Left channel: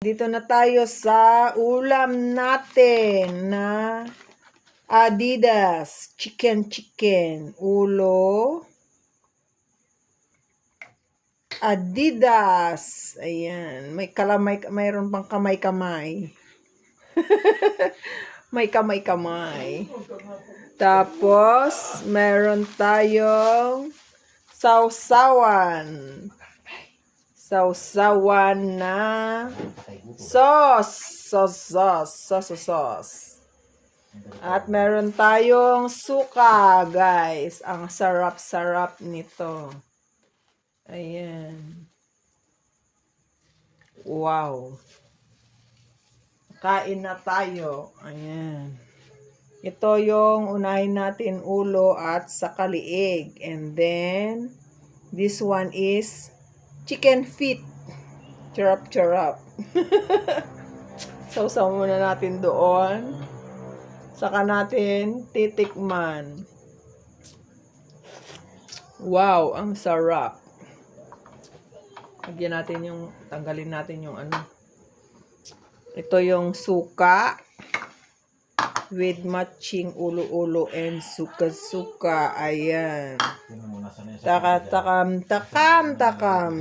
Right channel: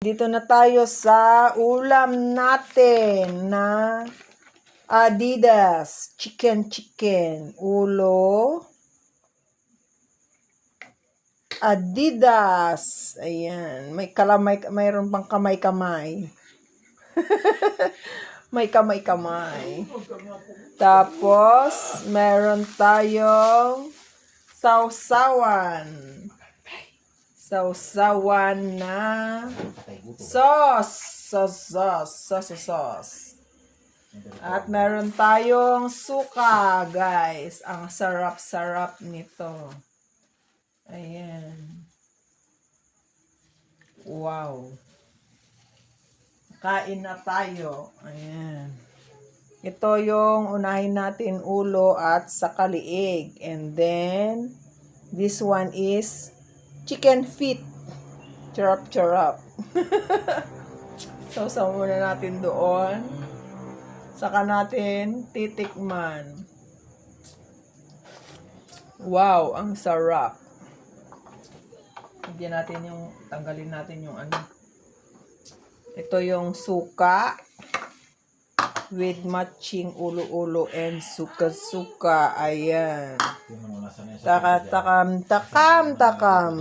Dito na tayo sa ulam natin na Adidas chicken ulo Adidas. Ayan, mayroon pang kamay-kamay. May kamay-kamay. Tapos meron tayong sausawan na sauce. At meron tayong suka, guys. Ang sarap-sarap nito. Ayan. Wow. Kain na tayo. Ayan. Ito yung unahin natin ulo at saka liig. And then, this one is chicken feet. Charap. Sausaw muna natin doon. Saka natin titikman. Wow, ang sarap. Tanggalin natin yung ano. Ito yung suka with matching ulo-ulo and suka-suka. Ayan. Takam.